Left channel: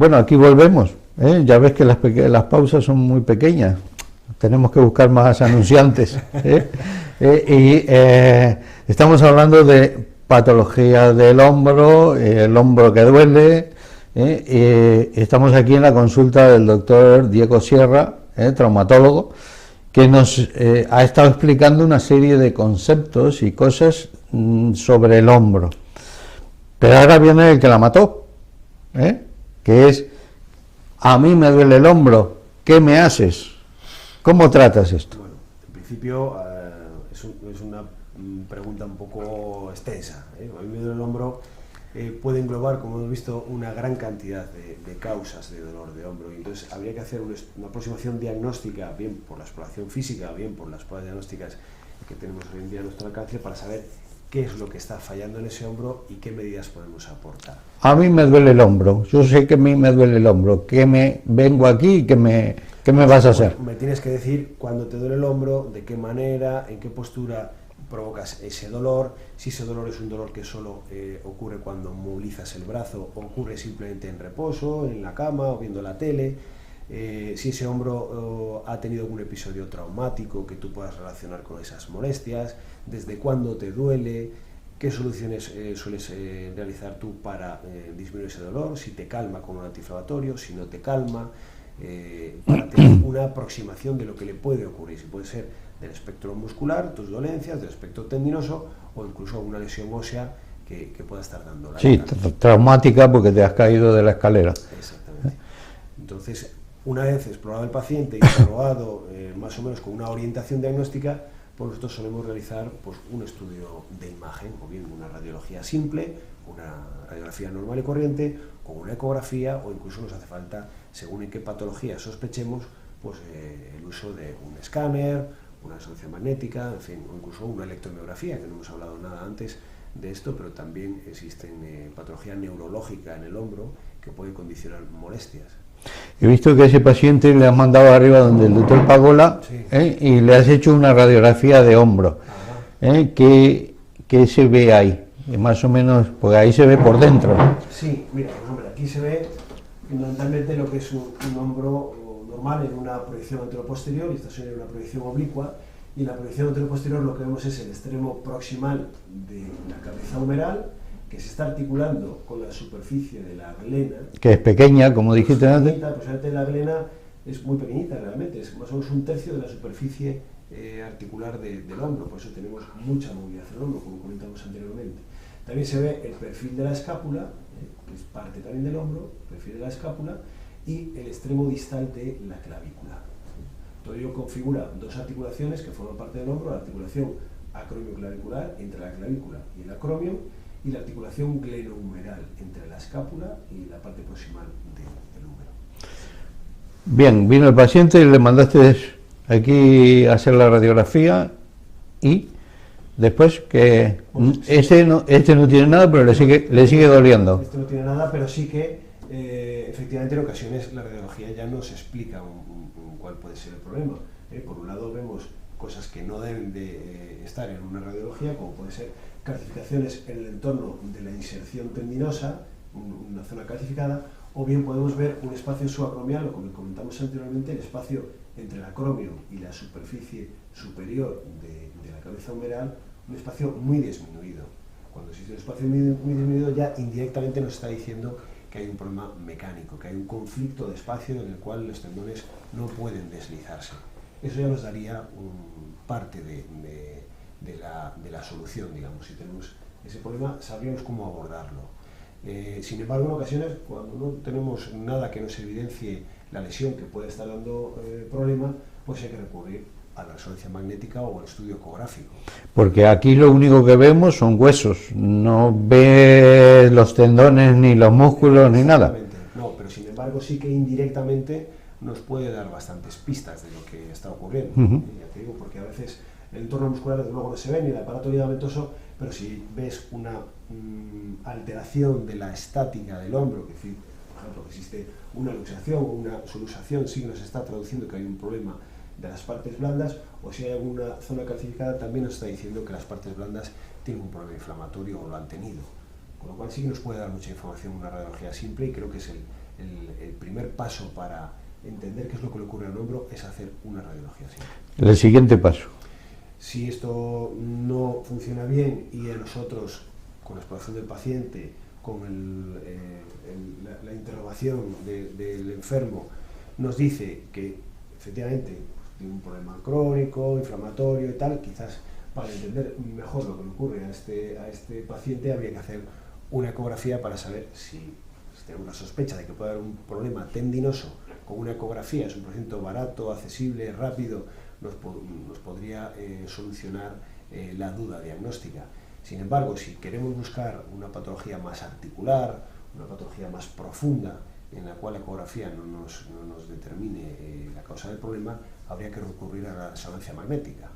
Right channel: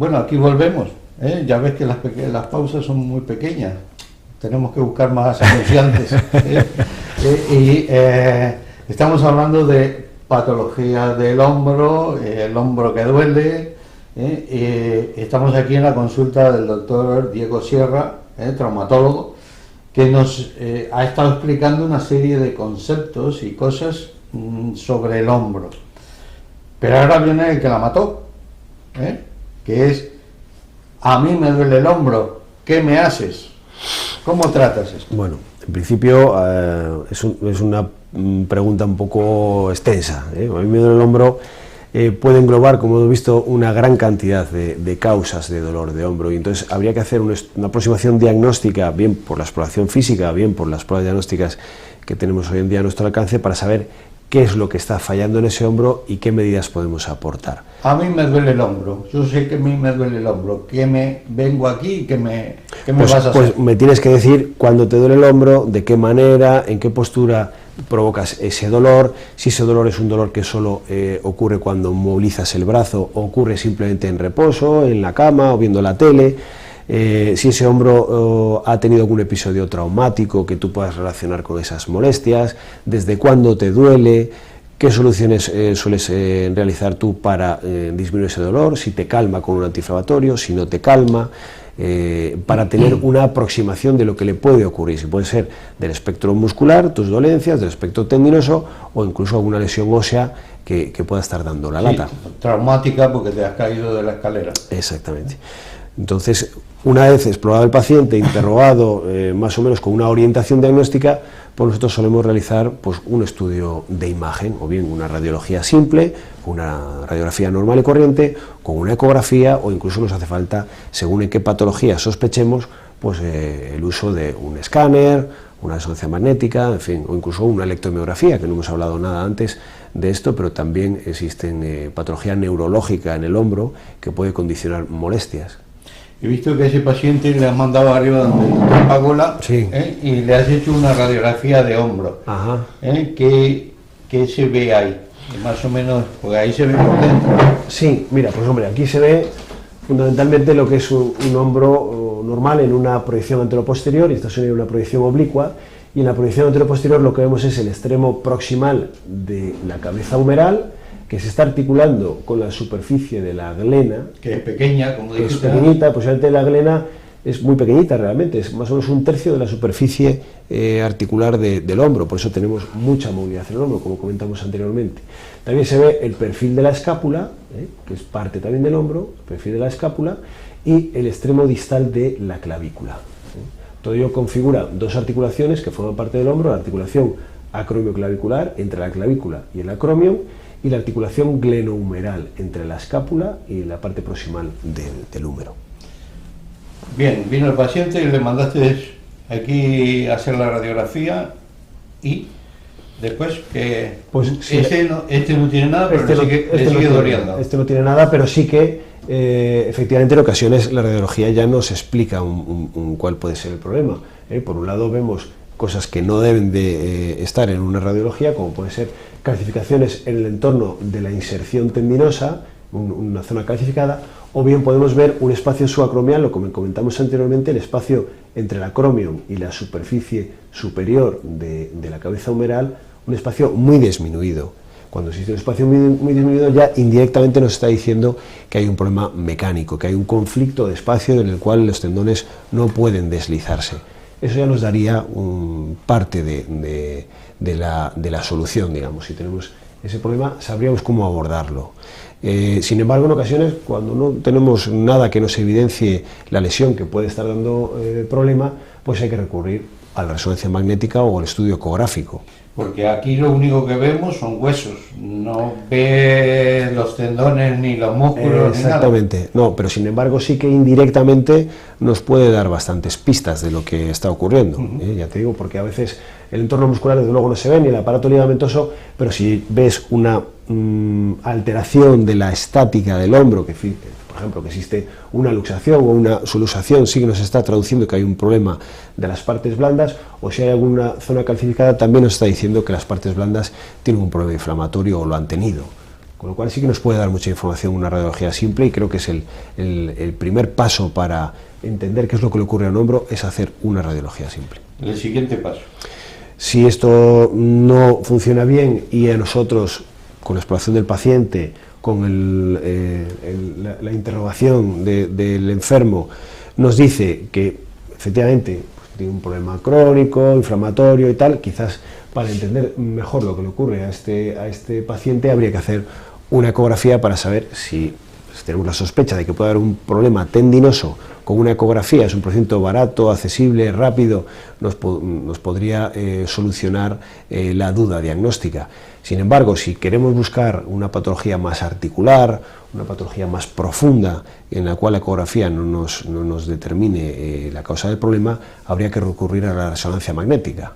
Bueno, aquí volvemos, ¿eh? Ya ves que las pausas son muy pequeñas, tenemos que buscar más anunciantes. Estamos hablando de patología del hombro, el hombro que duele. Estamos aquí en la consulta del doctor Diego Sierra, traumatólogo, que nos ha estado explicando una serie de conceptos y cosas sobre el hombro. Pero ahora viene el que la mató, que es: a mí me duele el hombro, ¿qué me haces? ¿Cómo tratas esto? Bueno, en principio es una pregunta un poco extensa. A mí me duele el hombro, puede englobar, como hemos visto, una gran cantidad de causas de dolor de hombro, y entonces habría que hacer una aproximación diagnóstica, bien por la exploración física, bien por las pruebas diagnósticas que tenemos hoy en día a nuestro alcance, para saber qué es lo que está fallando en ese hombro y qué medidas podemos aportar. A mí me duele el hombro, yo sé que a mí me duele el hombro, vengo aquí y ¿qué me vas a hacer? Pues me tienes que decir cuándo te duele el hombro, de qué manera, en qué postura provocas ese dolor, si ese dolor es un dolor que solo ocurre cuando movilizas el brazo, o ocurre simplemente en reposo, en la cama o viendo la tele, si ese hombro ha tenido algún episodio traumático que tú puedas relacionar con esas molestias, desde cuándo te duele, qué soluciones sueles realizar tú para disminuir ese dolor, si te calma con un antiinflamatorio, si no te calma, para tener una aproximación de lo que le puede ocurrir, si puede ser del espectro muscular, tus dolencias, del espectro tendinoso o incluso alguna lesión ósea que pueda estar dando la lata. Traumática porque te has caído de la escalera. Exactamente. Entonces, una vez explorado el paciente, interrogado más o menos con una orientación diagnóstica, pues nosotros solemos realizar un estudio de imagen, o bien una radiología simple, una radiografía normal y corriente, con una ecografía, o incluso nos hace falta, según en qué patología sospechemos, el uso de un escáner, una resonancia magnética, en fin, o incluso una electromiografía, que no hemos hablado nada antes de esto, pero también existen patología neurológica en el hombro que puede condicionar molestias. He visto que a ese paciente le has mandado arriba donde el doctor Pagola, sí, y le has hecho una radiografía de hombro. ¿Qué se ve ahí? Más o menos, porque ahí se ve por dentro. Sí, mira, pues hombre, aquí se ve fundamentalmente lo que es un hombro normal en una proyección anteroposterior, y esta sería una proyección oblicua, y en la proyección anteroposterior lo que vemos es el extremo proximal de la cabeza humeral, que se está articulando con la superficie de la glena. Que es pequeña, como dijiste. Es pequeñita, posiblemente la glena es muy pequeñita realmente, es más o menos un tercio de la superficie articular del hombro, por eso tenemos mucha movilidad en el hombro, como comentamos anteriormente. También se ve el perfil de la escápula, que es parte también del hombro, el perfil de la escápula, y el extremo distal de la clavícula. Todo ello configura dos articulaciones que forman parte del hombro: la articulación acromioclavicular entre la clavícula y el acromion, y la articulación glenohumeral entre la escápula y la parte proximal del húmero. Bien, vino el paciente y le mandaste aquí a hacer la radiografía, y después que este no tiene nada, pero le sigue doliendo. Este no tiene nada, pero sí que efectivamente en ocasiones la radiología ya nos explica cuál puede ser el problema. Por un lado vemos cosas que no deben de estar en una radiología, como puede ser calcificaciones en el entorno de la inserción tendinosa, una zona calcificada, o bien podemos ver un espacio subacromial, lo como comentamos anteriormente, el espacio entre el acromion y la superficie superior de la cabeza humeral, un espacio muy disminuido. Cuando existe un espacio muy disminuido, ya indirectamente nos está diciendo que hay un problema mecánico, que hay un conflicto de espacio en el cual los tendones no pueden deslizarse. Eso ya nos daría parte de la solución, digamos. Si tenemos ese problema, sabríamos cómo abordarlo. Sin embargo, en ocasiones, cuando no tenemos nada que nos evidencie la lesión que puede estar dando problema, pues hay que recurrir a la resonancia magnética o al estudio ecográfico. Porque aquí lo único que vemos son huesos, no ves los tendones ni los músculos ni nada. Exactamente, no, pero sin embargo sí que indirectamente nos puede dar bastantes pistas de lo que está ocurriendo. Ya te digo, porque a veces el entorno muscular desde luego no se ve, ni el aparato ligamentoso, pero si ves una alteración de la estática del hombro, que por ejemplo que existe una luxación o una subluxación, sí que nos está traduciendo que hay un problema de las partes blandas, o si hay alguna zona calcificada también nos está diciendo que las partes blandas tienen un problema inflamatorio o lo han tenido. Con lo cual sí que nos puede dar mucha información una radiología simple, y creo que es el primer paso para entender qué es lo que le ocurre al hombro, es hacer una radiología simple. El siguiente paso. Si esto no funciona bien y a nosotros, con la exploración del paciente, con la interrogación del enfermo, nos dice que efectivamente pues, tiene un problema crónico, inflamatorio y tal, quizás para entender mejor lo que le ocurre a este paciente habría que hacer una ecografía para saber si tenemos la sospecha de que puede haber un problema tendinoso. Con una ecografía, es un procedimiento barato, accesible, rápido, nos podría solucionar la duda diagnóstica. Sin embargo, si queremos buscar una patología más articular, una patología más profunda, en la cual la ecografía no nos determine la causa del problema, habría que recurrir a la resonancia magnética.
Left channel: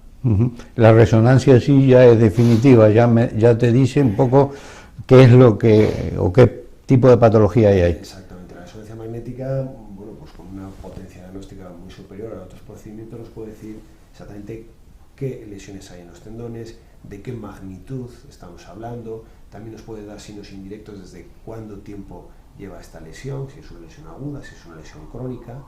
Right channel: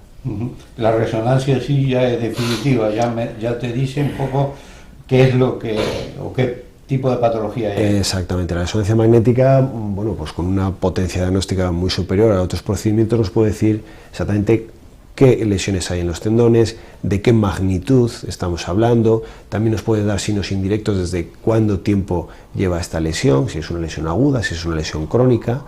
La resonancia sí ya es definitiva, ya te dice un poco qué es lo que, o qué tipo de patología hay. Exactamente, la resonancia magnética, bueno, pues con una potencia diagnóstica muy superior a otros procedimientos, nos puede decir exactamente qué lesiones hay en los tendones, de qué magnitud estamos hablando. También nos puede dar signos indirectos desde cuánto tiempo lleva esta lesión, si es una lesión aguda, si es una lesión crónica,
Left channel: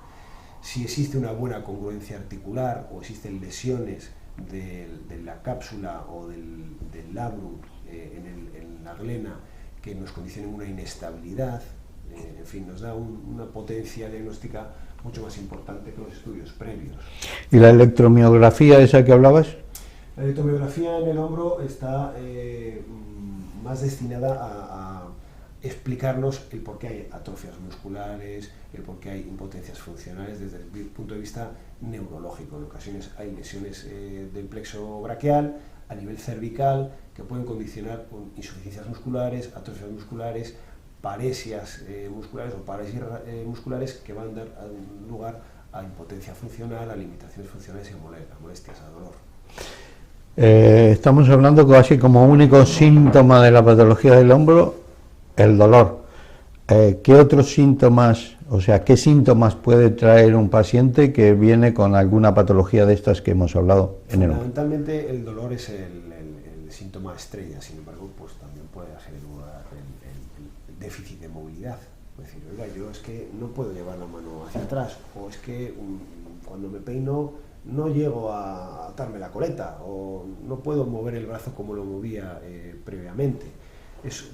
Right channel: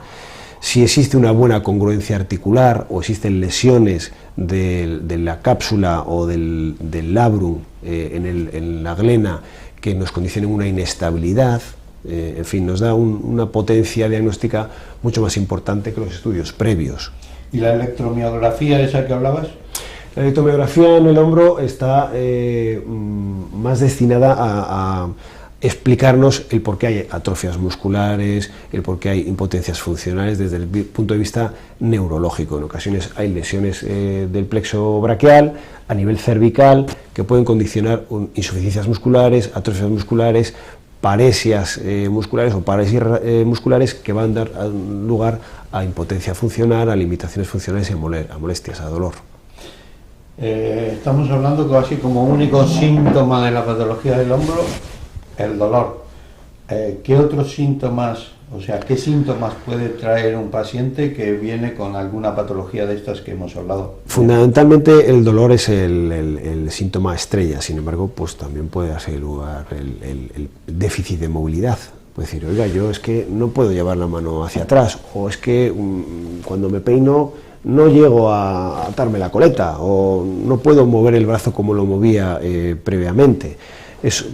si existe una buena congruencia articular o existen lesiones de la cápsula o del labrum en la glena que nos condicionen una inestabilidad. En fin, nos da una potencia diagnóstica mucho más importante que los estudios previos. ¿Y la electromiografía esa que hablabas? La electromiografía en el hombro está más destinada a explicarnos el por qué hay atrofias musculares, el por qué hay impotencias funcionales desde el punto de vista neurológico. En ocasiones hay lesiones del plexo braquial a nivel cervical que pueden condicionar insuficiencias musculares, atrofias musculares, paresias musculares o parálisis musculares que van a dar lugar a impotencia funcional, a limitaciones funcionales y a molestias, a dolor. Estamos hablando casi como único síntoma de la patología del hombro el dolor. ¿Qué otros síntomas, o sea, qué síntomas puede traer un paciente que viene con alguna patología de estas que hemos hablado? Fundamentalmente el dolor es el síntoma estrella, sin embargo, pues también puede darse lugar el déficit de movilidad. Puede decir, oiga, yo es que no puedo llevar la mano hacia atrás, o es que cuando me peino no llego a atarme la coleta, o no puedo mover el brazo como lo movía previamente. Es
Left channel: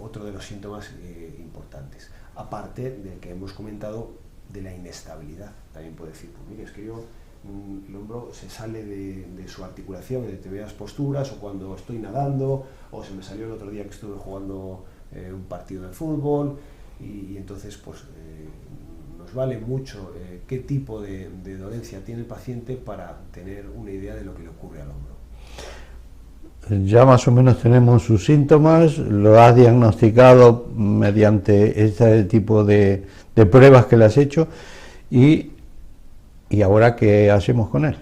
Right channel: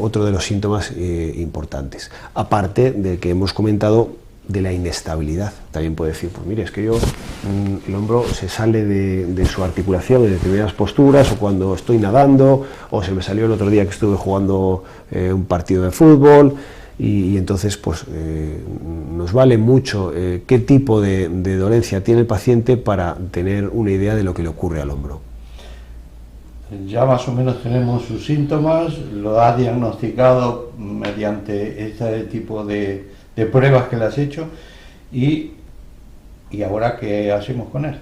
otro de los síntomas importantes, aparte del que hemos comentado de la inestabilidad. También puede decir, pues mire, es que el hombro se sale de su articulación en determinadas posturas, o cuando estoy nadando, o se me salió el otro día que estuve jugando un partido de fútbol, y entonces pues nos vale mucho qué tipo de dolencia tiene el paciente para tener una idea de lo que le ocurre al hombro. Ya más o menos tenemos sus síntomas, lo has diagnosticado mediante este tipo de pruebas que le has hecho, y ahora ¿qué hacemos con él?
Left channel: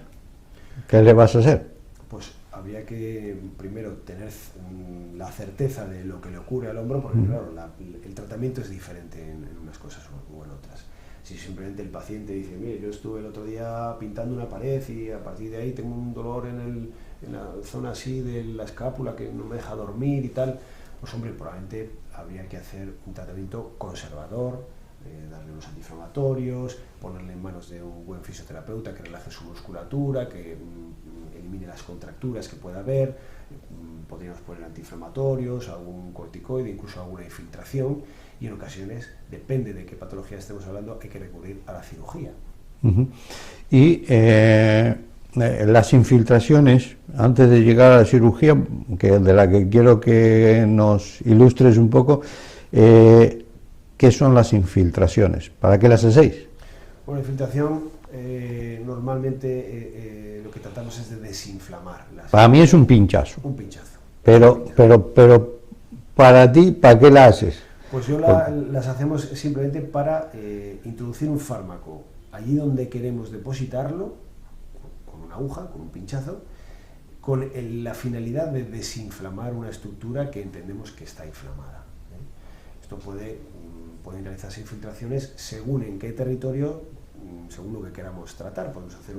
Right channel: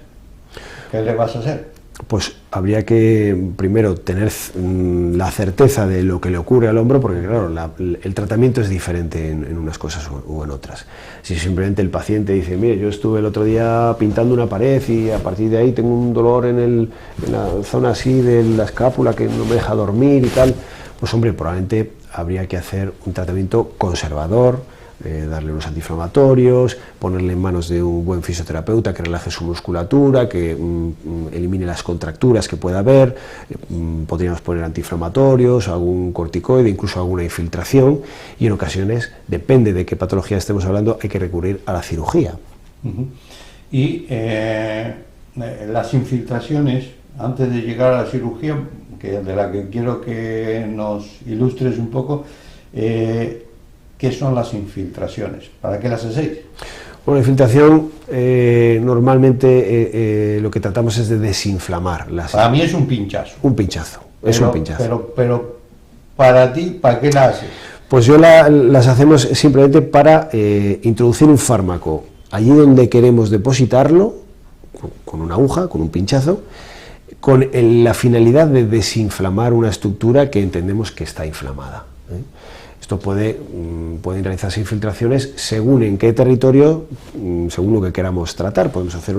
¿Qué le vas a hacer? Pues habría que primero tener la certeza de lo que le ocurre al hombro, porque claro, el tratamiento es diferente en unas cosas o en otras. Si simplemente el paciente dice, mire, yo estuve el otro día pintando una pared y a partir de ahí tengo un dolor en la zona así de la escápula que no me deja dormir y tal, pues hombre, probablemente habría que hacer un tratamiento conservador, darle unos antiinflamatorios, ponerle en manos de un buen fisioterapeuta que relaje su musculatura, que elimine las contracturas que pueda haber. Podríamos poner antiinflamatorios, algún corticoide, incluso alguna infiltración, y en ocasiones, depende de qué patología estemos hablando, hay que recurrir a la cirugía. Y las infiltraciones, antes de llegar a la cirugía, de la que quiero que nos ilustres un poco, ¿qué son las infiltraciones? ¿Para qué las hacéis? Bueno, la infiltración normalmente lo que tratamos es de desinflamar. Para mí es un pinchazo. Un pinchazo. Es un pinchazo. Pero para ti, ¿para qué la haces? Pues yo las hacemos simplemente para introducir un fármaco allí donde queremos depositarlo, con una aguja, con un pinchazo, con la finalidad de desinflamar una estructura que entendemos que está inflamada. Esto pueden realizarse infiltraciones según en qué territorio, según lo que queramos tratar. Podemos hacer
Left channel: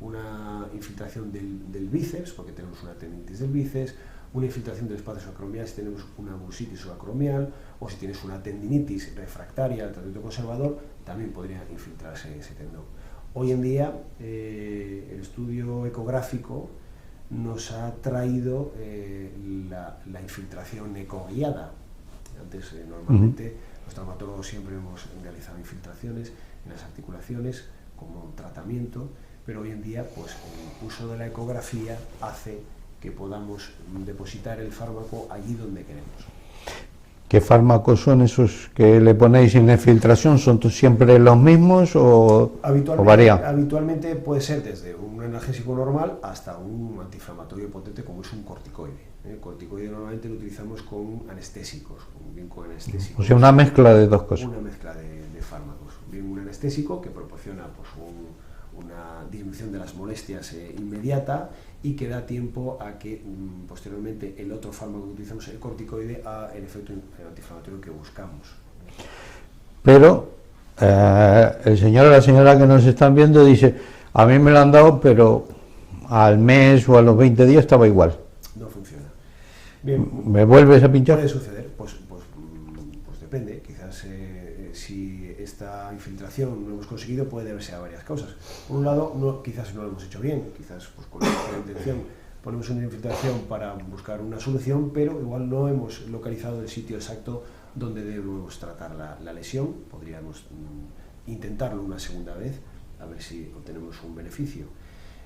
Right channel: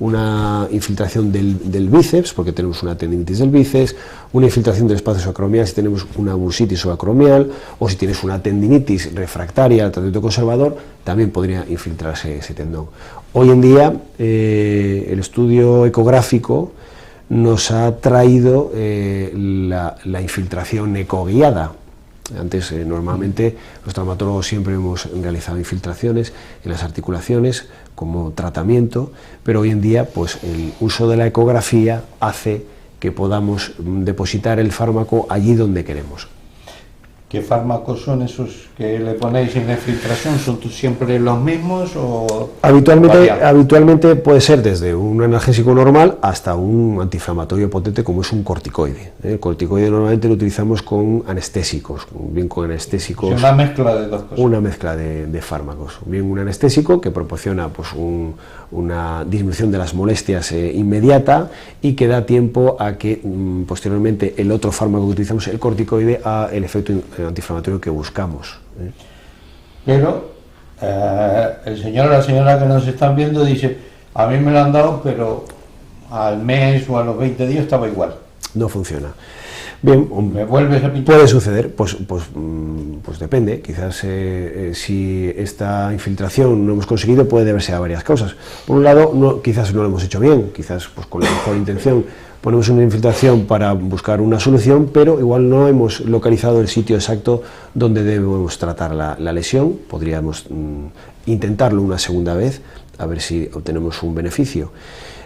una infiltración del bíceps, porque tenemos una tendinitis del bíceps, una infiltración del espacio subacromial si tenemos una bursitis subacromial, o si tienes una tendinitis refractaria al tratamiento conservador, también podría infiltrarse ese tendón. Hoy en día el estudio ecográfico nos ha traído la infiltración ecoguiada. Antes, normalmente, los traumatólogos siempre hemos realizado infiltraciones en las articulaciones como tratamiento, pero hoy en día pues, el uso de la ecografía hace que podamos depositar el fármaco allí donde queremos. ¿Qué fármacos son esos que le ponéis en la infiltración? ¿Son siempre los mismos o habitualmente puede ser desde un analgésico normal hasta un antiinflamatorio potente como es un corticoide? El corticoide normalmente lo utilizamos con anestésicos, bien con anestésicos. O sea, una mezcla de dos cosas. Una mezcla de fármacos. Bien un anestésico que proporciona pues, una disminución de las molestias inmediata y que da tiempo a que posteriormente el otro fármaco que utilizamos, el corticoide, haga el efecto antiinflamatorio que buscamos. Pero el señor o la señora que nos están viendo dice, a mí me lo han dado, pero al mes o a los 20 días estaba igual. No funciona. Bien, ¿me vuelves a pinchar? Puede suceder, pues depende, quizás si esta infiltración no hemos conseguido puede deberse a varias causas. Por un lado, quizás no lo hemos hecho bien, quizás pues, con la mejor intención ponemos una infiltración para buscar una solución, pero igual no hemos localizado el sitio exacto donde debemos tratar la lesión. Podríamos intentarlo una segunda vez, a ver si obtenemos un beneficio.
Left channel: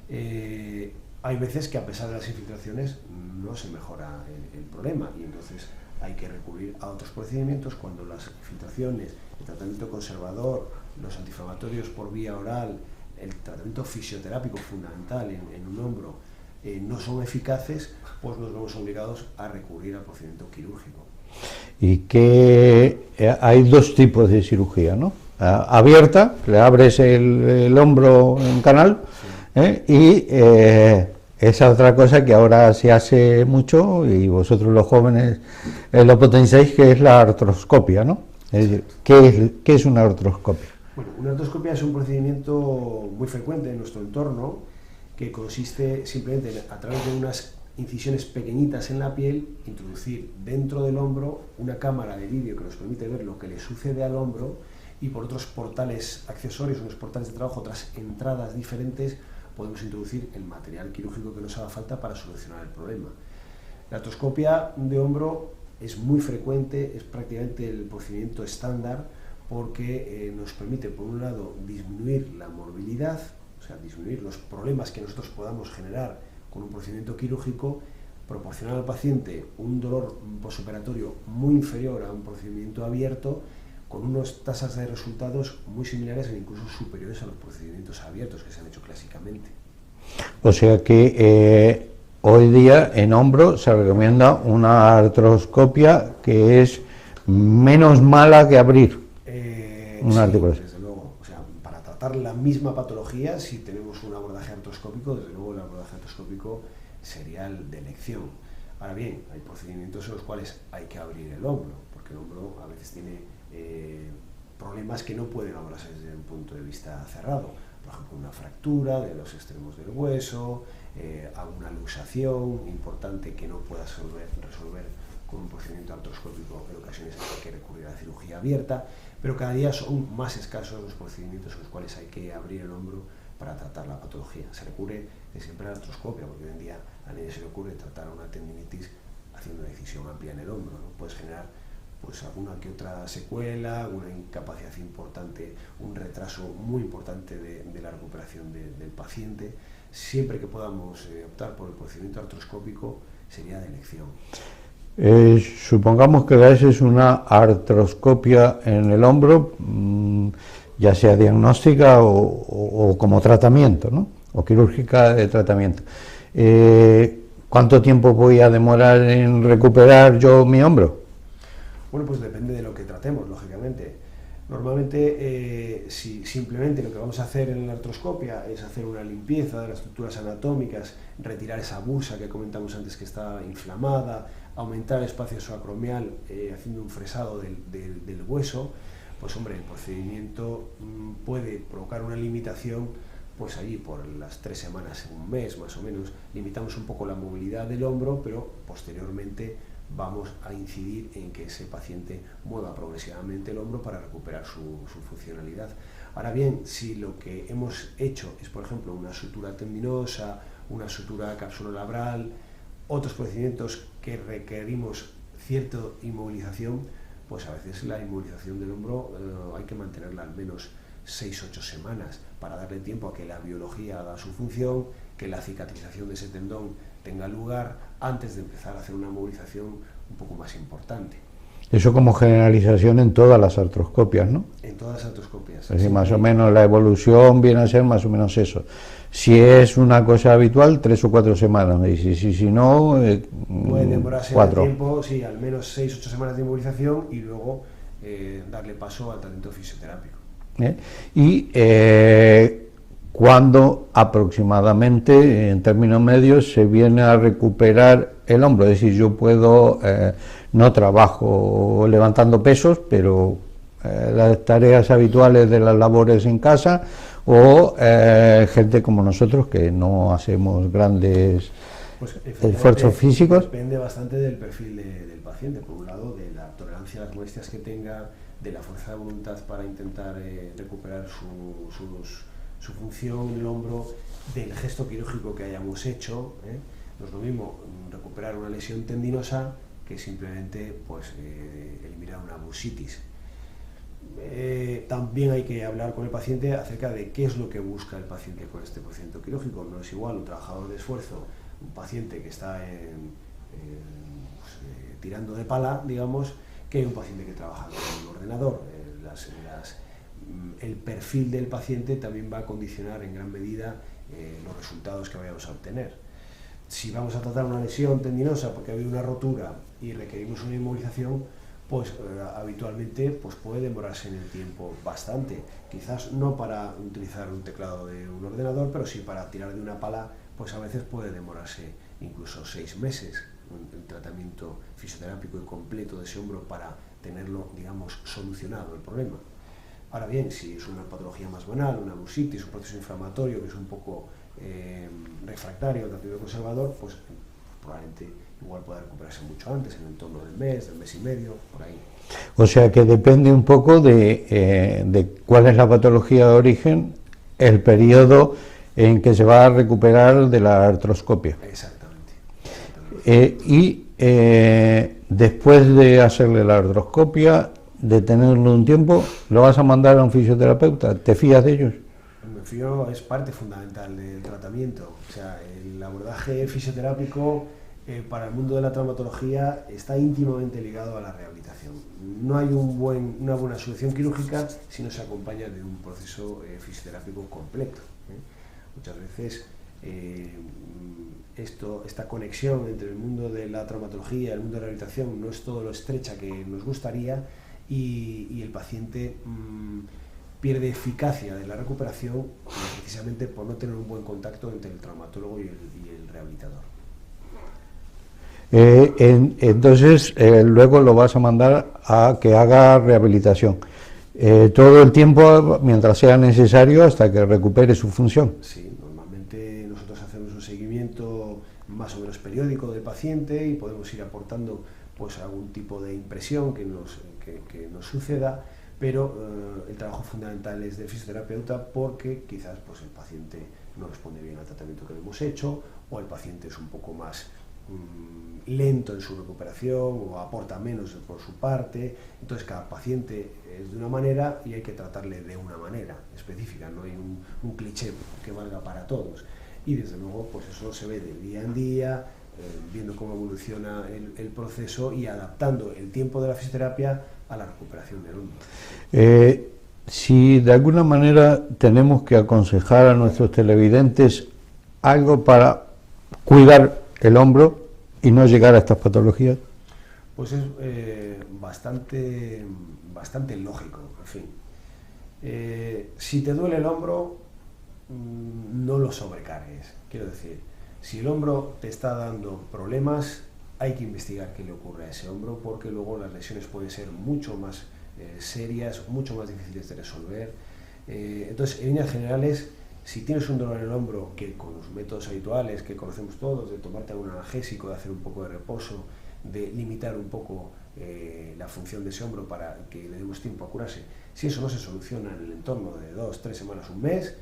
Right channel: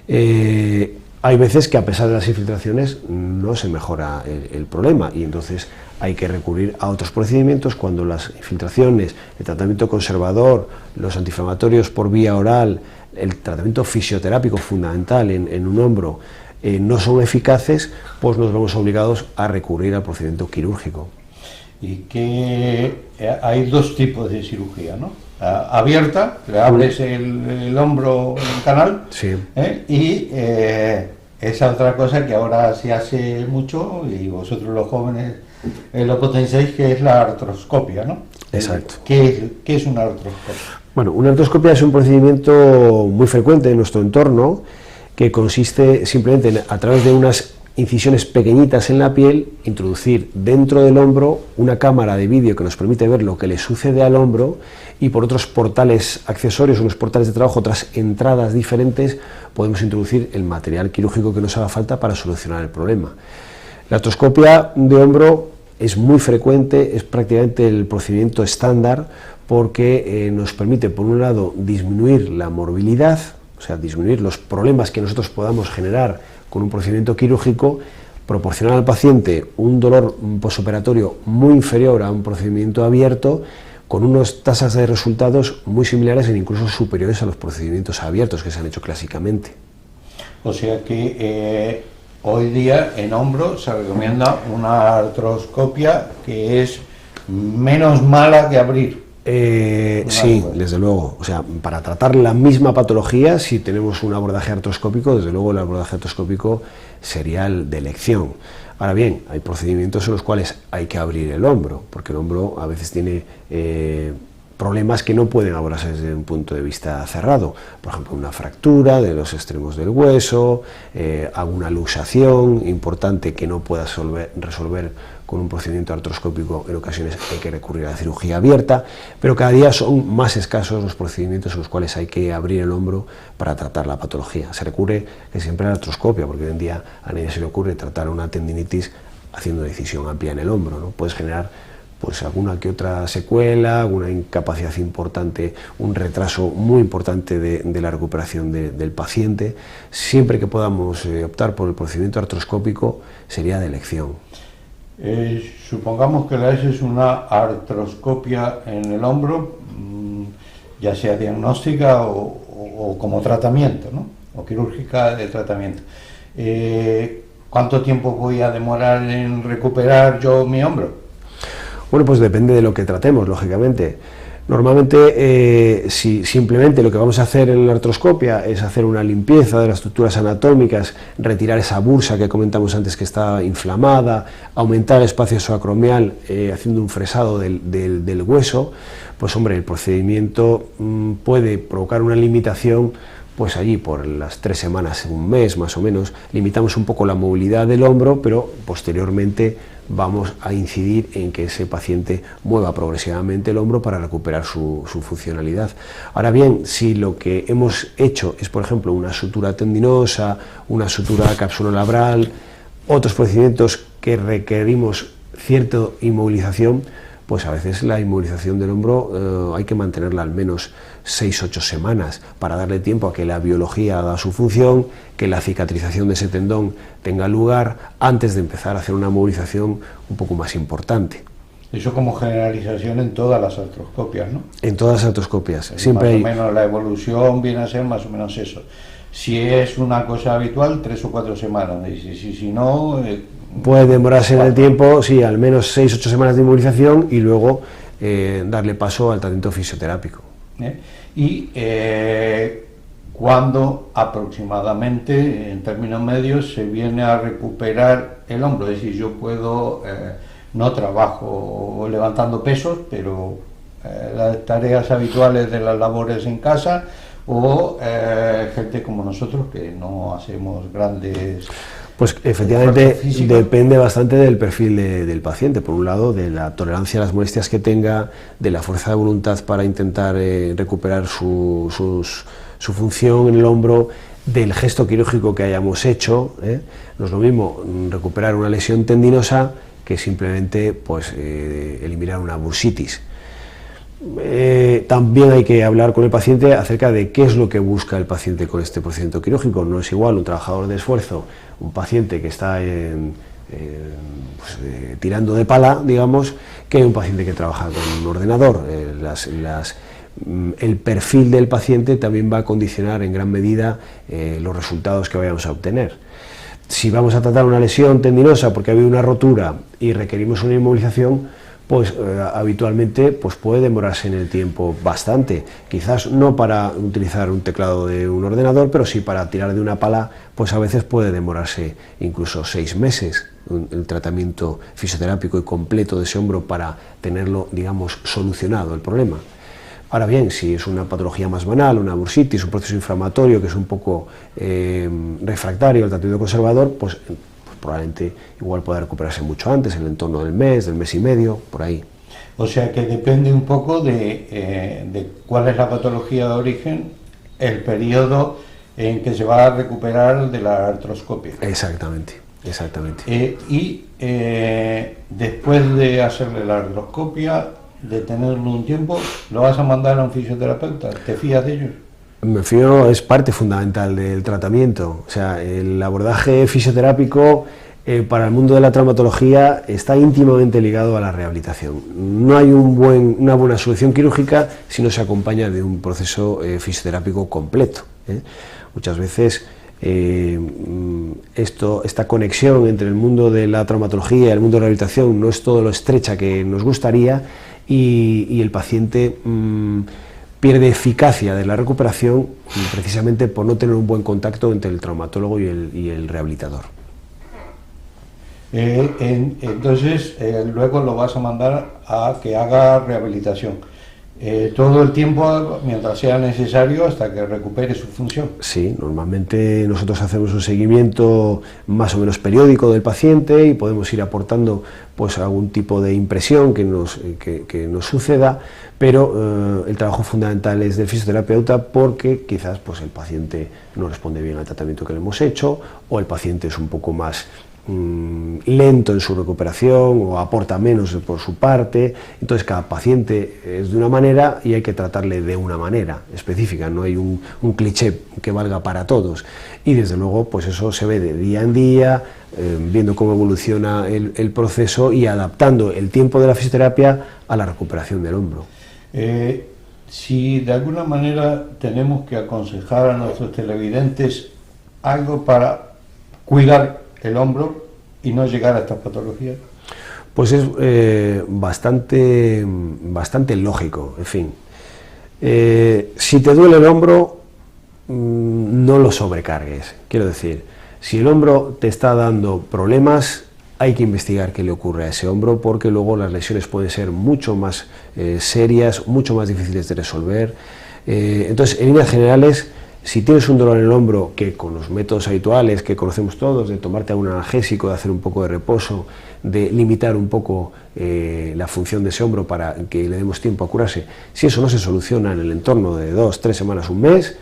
Hay veces que a pesar de las infiltraciones no se mejora el problema y entonces hay que recurrir a otros procedimientos cuando las infiltraciones, el tratamiento conservador, los antiinflamatorios por vía oral, el tratamiento fisioterápico fundamental en un hombro no son eficaces, pues nos vemos obligados a recurrir al procedimiento quirúrgico. Y que hay dos tipos de cirugía, ¿no? Abierta, le abres el hombro en canal, sí. Y esa otra cosa que ahora se hace mucho y vosotros los jóvenes lo potenciáis, que es la artroscopia, ¿no? Exacto. ¿Qué es una artroscopia? Bueno, una artroscopia es un procedimiento muy frecuente en nuestro entorno que consiste simplemente a través de unas incisiones pequeñitas en la piel, introducir dentro del hombro una cámara de vídeo que nos permite ver lo que le sucede al hombro y por otros portales accesorios, unos portales de trabajo, otras entradas diferentes, podemos introducir el material quirúrgico que nos haga falta para solucionar el problema. La artroscopia de hombro es muy frecuente, es prácticamente el procedimiento estándar porque nos permite, por un lado, disminuir la morbilidad, o sea, disminuir los problemas que nosotros podamos generar con un procedimiento quirúrgico, proporcionar al paciente un dolor posoperatorio muy inferior a un procedimiento abierto, con unas tasas de resultados muy similares e incluso superiores a los procedimientos abiertos que se han hecho clásicamente. O sea que hoy día en hombro se recomienda una artroscopia que es menos mala que abrir. Sí, desde luego. O sea, para tratar la misma patología, si tenemos un abordaje artroscópico, desde luego el abordaje artroscópico sería el de elección. Ahora bien, hay procedimientos en los cuales hay que abrir el hombro, porque el hombro a veces tiene problemas que no pueden abordarse desde un punto de vista cerrado. Por ejemplo, una fractura de los extremos del hueso, alguna luxación importante que no pueda resolver con un procedimiento artroscópico. En ocasiones hay que recurrir a la cirugía abierta, pero cada día son más escasos los procedimientos en los cuales hay que abrir el hombro para tratar la patología. Se recurre siempre a la artroscopia, porque hoy en día a nadie se le ocurre tratar una tendinitis haciendo una incisión amplia en el hombro, ¿no? Puedes generar pues alguna que otra secuela, alguna incapacidad importante, un retraso muy importante de la recuperación del paciente. Siempre que podamos optar por el procedimiento artroscópico sería de elección. Supongamos que es una artroscopia en el hombro, ya sea diagnóstica o como tratamiento, ¿no? O quirúrgica de tratamiento. ¿Cuánto tiempo voy a demorar en recuperar yo mi hombro? Bueno, pues depende de lo que tratemos, lógicamente. Normalmente, si simplemente lo que vamos a hacer en la artroscopia es hacer una limpieza de las estructuras anatómicas, retirar esa bursa que comentamos antes que está inflamada, aumentar el espacio subacromial haciendo un fresado del hueso, pues hombre, el procedimiento puede provocar una limitación pues allí por las 3 semanas, un mes más o menos, limitamos un poco la movilidad del hombro, pero posteriormente vamos a incidir en que ese paciente mueva progresivamente el hombro para recuperar su funcionalidad. Ahora bien, si lo que hemos hecho es, por ejemplo, una sutura tendinosa, una sutura capsulolabral, otros procedimientos que requerimos cierta inmovilización, pues a veces la inmovilización del hombro hay que mantenerla al menos 6-8 semanas para darle tiempo a que la biología haga su función, que la cicatrización de ese tendón tenga lugar antes de empezar a hacer una movilización un poco más importante. Eso como generalización en todas las artroscopias, ¿no? En todas las artroscopias. Siempre más o menos la evolución viene a ser más o menos eso. Si es una cosa habitual, 3 o 4 semanas, y si no... puede demorarse en el tiempo, sí, al menos 6-8 semanas de inmovilización y luego darle paso al tratamiento fisioterápico. Y ¿cuándo aproximadamente, en términos medios, se viene a recuperar el hombro? Es decir, yo puedo, no trabajo levantando pesos, pero las tareas habituales de las labores en casa, o gente como nosotros que no hacemos grandes... Pues efectivamente depende bastante del perfil del paciente, por un lado de la tolerancia a las molestias que tenga, de la fuerza de voluntad para intentar recuperar su función en el hombro, del gesto quirúrgico que hayamos hecho. No es lo mismo recuperar una lesión tendinosa que simplemente pues, eliminar una bursitis. También hay que hablar con el paciente acerca de qué es lo que busca el paciente con este procedimiento quirúrgico. No es igual un trabajador de esfuerzo, un paciente que está tirando de pala, digamos, que un paciente que trabaja con un ordenador. El perfil del paciente también va a condicionar en gran medida los resultados que vayamos a obtener. Si vamos a tratar una lesión tendinosa porque ha habido una rotura y requerimos una inmovilización, pues habitualmente pues puede demorarse en el tiempo bastante, quizás no para utilizar un teclado de un ordenador, pero sí para tirar de una pala, pues a veces puede demorarse incluso 6 meses el tratamiento fisioterápico y completo de ese hombro para tenerlo, digamos, solucionado el problema. Ahora bien, si es una patología más banal, una bursitis, un proceso inflamatorio que es un poco refractario al tratamiento conservador, pues probablemente igual pueda recuperarse mucho antes, en el entorno del mes y medio, por ahí. O sea que depende un poco de cuál es la patología de origen, el periodo en que se va a recuperar de la artroscopia. Exactamente, exactamente. Después de hacerle la artroscopia, de tenerlo un tiempo, ¿lo vas a mandar a un fisioterapeuta? ¿Te fías de ellos? Me fío, es parte fundamental del tratamiento. O sea, el abordaje fisioterápico para el mundo de la traumatología está íntimamente ligado a la rehabilitación. No hay una buena solución quirúrgica si no se acompaña de un proceso fisioterápico completo. Muchas veces esta conexión entre el mundo de la traumatología y el mundo de la rehabilitación no es todo lo estrecha que nos gustaría y el paciente pierde eficacia de la recuperación precisamente por no tener un buen contacto entre el traumatólogo y el rehabilitador. Entonces, luego lo vas a mandar a que haga rehabilitación. Todo el tiempo, mientras sea necesario, hasta que recupere su función. Sí, normalmente nosotros hacemos un seguimiento más o menos periódico del paciente y podemos ir aportando pues algún tipo de impresión que nos suceda, pero el trabajo fundamental es del fisioterapeuta porque quizás pues, el paciente no responde bien al tratamiento que le hemos hecho o el paciente es un poco más lento en su recuperación o aporta menos por su parte. Entonces cada paciente es de una manera y hay que tratarle de una manera específica, no hay un cliché que valga para todos y desde luego pues eso se ve de día en día, viendo cómo evoluciona el proceso y adaptando el tiempo de la fisioterapia a la recuperación del hombro. Si de alguna manera tenemos que aconsejar a nuestros televidentes algo para cuidar el hombro y no llegar a estas patologías, pues es bastante lógico. En fin, si te duele el hombro, no lo sobrecargues. Quiero decir, si el hombro te está dando problemas, hay que investigar qué le ocurre a ese hombro, porque luego las lesiones pueden ser mucho más serias, mucho más difíciles de resolver. Entonces, en líneas generales, Si tienes un dolor en el hombro, que con los métodos habituales que conocemos todos, de tomarte un analgésico, de hacer un poco de reposo, de limitar un poco la función de ese hombro para que le demos tiempo a curarse, si eso no se soluciona en el entorno de 2, 3 semanas, un mes,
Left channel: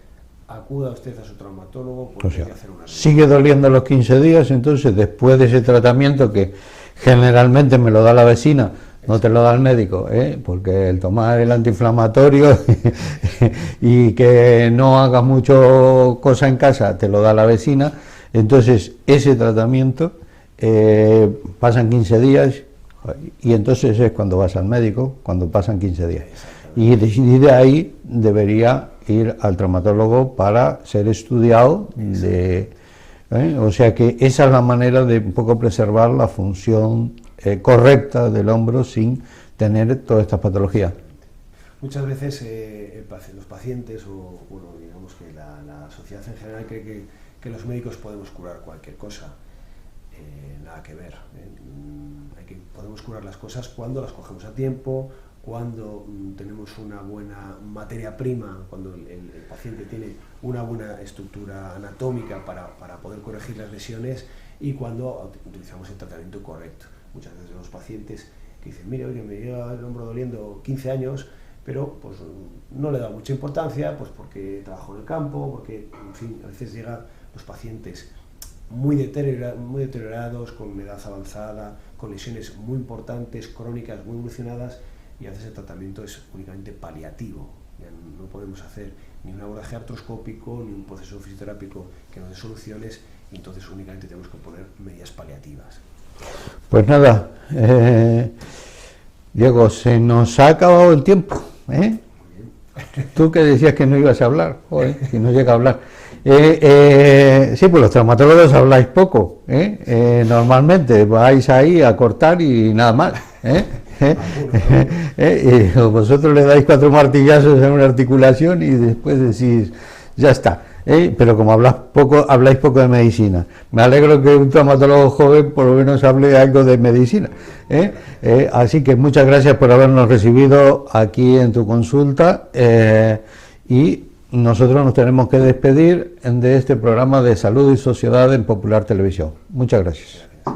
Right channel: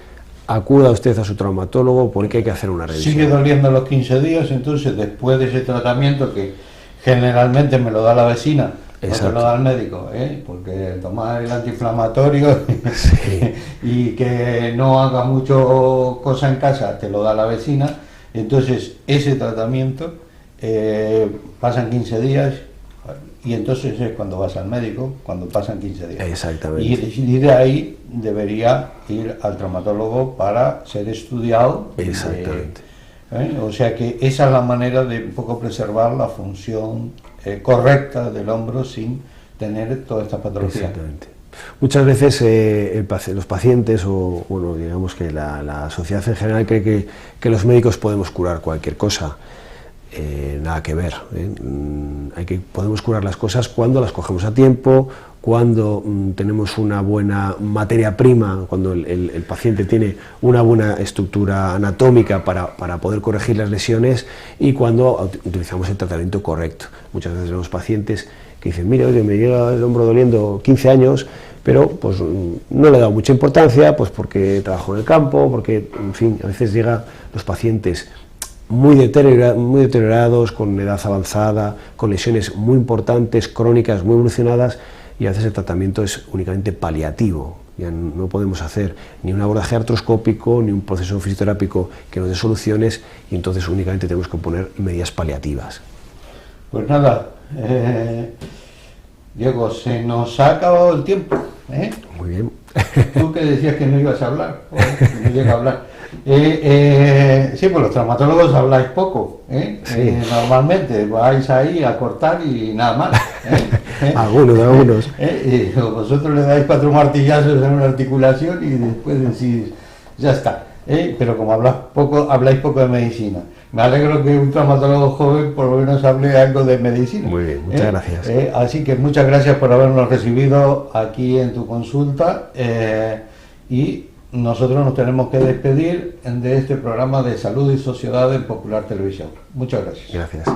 acuda usted a su traumatólogo porque hay que hacer una revisión. Sigue doliendo los 15 días, entonces después de ese tratamiento que generalmente me lo da la vecina, no te lo da el médico, porque el tomar el antiinflamatorio y que no haga mucho cosa en casa te lo da la vecina, entonces ese tratamiento pasan 15 días y entonces es cuando vas al médico, cuando pasan 15 días. Exactamente. Y de ahí debería ir al traumatólogo para ser estudiado. Exactamente. O sea que esa es la manera de un poco preservar la función correcta del hombro sin tener todas estas patologías. Exactamente. Muchas veces los pacientes o bueno, digamos que la sociedad en general cree que los médicos podemos curar cualquier cosa. Nada que ver. Podemos curar las cosas cuando las cogemos a tiempo, cuando tenemos una buena materia prima, cuando el paciente tiene una buena estructura anatómica para poder corregir las lesiones y cuando utilizamos el tratamiento correcto. Muchas veces vemos pacientes que dicen, mire, oye, me llega el hombro doliendo 15 años, pero pues no le he dado mucha importancia, pues porque trabajo en el campo, porque, en fin, a veces llegan los pacientes muy deteriorados, con edad avanzada, con lesiones muy importantes, crónicas, muy evolucionadas, y a veces el tratamiento es únicamente paliativo. Ya no podemos hacer ni un abordaje artroscópico, ni un proceso fisioterápico que nos dé soluciones, y entonces únicamente tenemos que poner medidas paliativas. Pues nada, Diego, se nos ha acabado el tiempo. Muy bien. Tú que decías que no ibas a hablar, que no llega a hablar. Sí, pues los traumatólogos habláis poco, Sí. Normalmente vais ahí a cortar y nada más. Algunos. Vosotros le dais 4 martillazos en una articulación y después decís, ya está. Pero como habláis poco de medicina. Me alegro que un traumatólogo joven por lo menos hable algo de medicina. Muy bien, muchas gracias. Así que muchas gracias por habernos recibido aquí en tu consulta y nosotros nos tenemos que despedir de este programa de Salud y Sociedad en Popular Televisión. Muchas gracias. Gracias.